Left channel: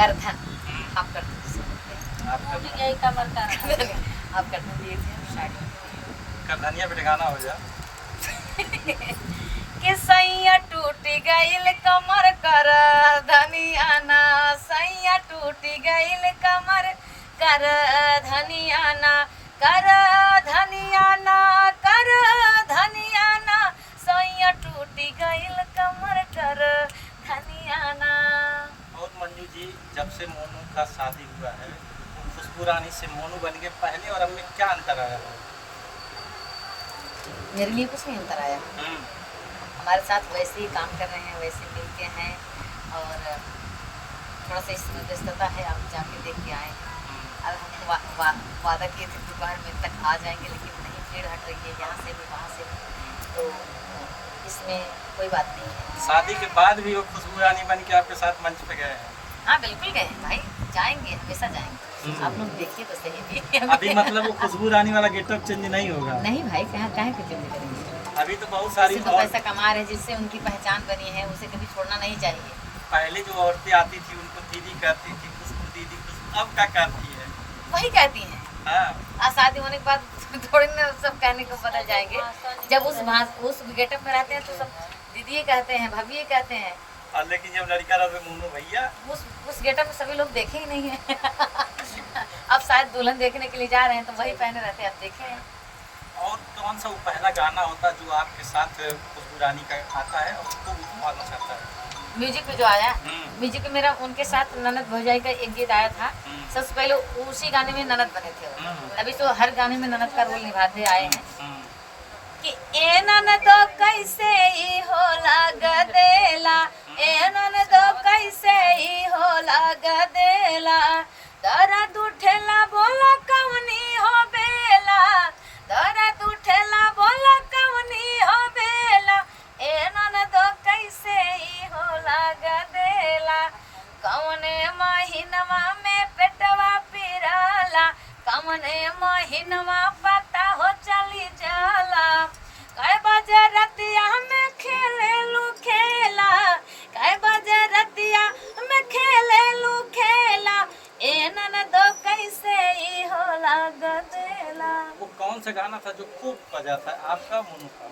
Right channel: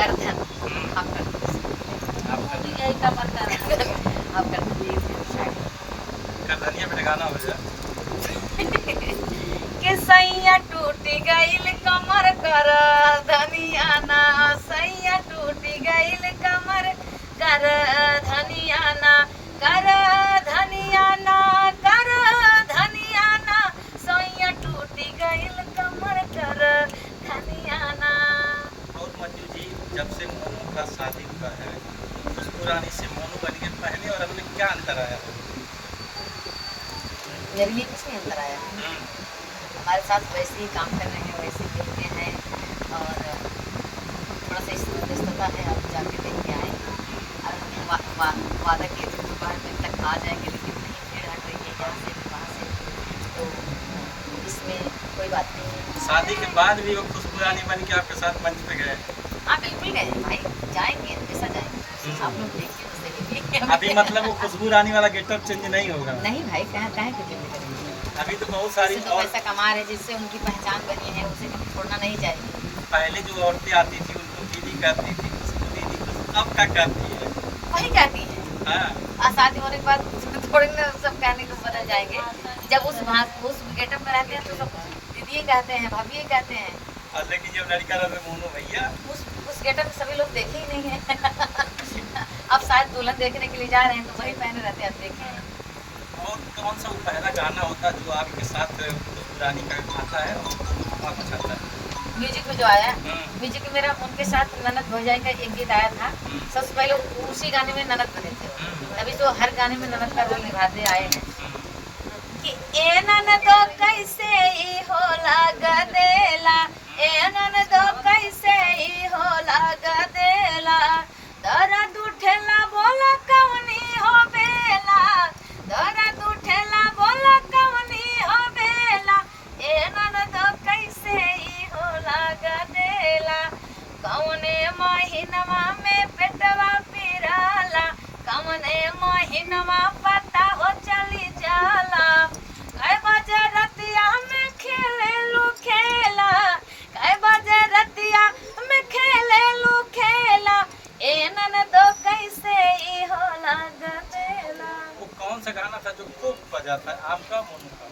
करधन आप कर दीजिए यही कमर कर आप कर दीजिए शायद करधनिया पे गाना हो जाए कि सैया टूट गईल कमर कर धनिया ना सैया टूट गईल कमर कर धनिया ना कर धनिया ना कर धनिया ना सैया टूट गईल कमर कर धनिया ना। और मंजू जी, जब से मोनू का शादी हुआ है, खुशबू रानी से मोनू बन के पहले और हमने क्या अंतर आया? मेरे लिए कुछ नहीं अंतर आया, हमारे साथ वैसे ही काम कर रहे हैं, वैसे मिल के हैं और थोड़ा सा इसमें व्यस्तता है। आप जाके देख के आए और हम वादा किए थे दोपहर में तक आ जाएंगे, लेकिन नहीं, भीड़ हट रही है यहाँ से भी वहाँ से भी, तो इसमें कोई बात नहीं है। शादी के बाद भी वो खुशबू रानी बन के आपके साथ मंच पे गए? हाँ बिल्कुल गए हैं भाई, जाएंगे, हमेशा जाएंगे, आप लोग देखिए तो सही भी। अभी मतलब वो खुशबू रानी वाला गेटअप चेंज नहीं होगा? नहीं भाई, कहाँ के चेंज करेंगे, अभी तो बहुत सारी तो पैसा कमा रहे, जिससे उनकी पहचान बनी है उसे कभी छोड़ना नहीं चाहिए। पहले जो औरतें आती थी उनको दीदी कहती थी, खुशबू दीदी, खुशबू, अब क्या कहती है? वही कहती हैं। हाँ, शादी होने के बाद थोड़ी ना सब कहने को बदल जाएंगे। जब उस गेटअप में रहते हैं तो सब दीदी कहते हैं, भाभी कहते हैं, और लेकिन जब लड़का रहे मोनू भैया, उस गेटअप में सभी लोग देखे ही नहीं है। अब शायद दुल्हन देखने के लिए जा रहे हैं तो वही पहने रहते हैं, अब देखे। और कौन सा वो पहला गाना होता जो आपके साथ खुशबू रानी का आता है और बहुत अच्छा आता है? म्यूजिक में जो आया, म्यूजिक में मेरा उनके साथ ननद भौजाई का एक गीत आया था, सबसे पहले उसी गाने में ननद बने थे, तभी तो हर गाने में ननद का रोल निभाते आए हैं। कि ए ननदो कैसे ई हो लग देला, ए ननदो कैसे ई हो लग देला, दर्द उठेला बोला कवनी हो बेला, दर्द उठेला बोला कवनी हो बेला, ए ननदो कैसे ई हो लग देला, कवने महीनवा में पेटवा पिराला, कवने महीनवा पता हो चली जाला, कै बजे रतिया में खेले लू खेला, कै बजे रतिया में खेले लू खेला, ए ननदो कैसे ई हो लग देला। वो कौन सा गाना था जो खूब बजा था, आपका मोनू का?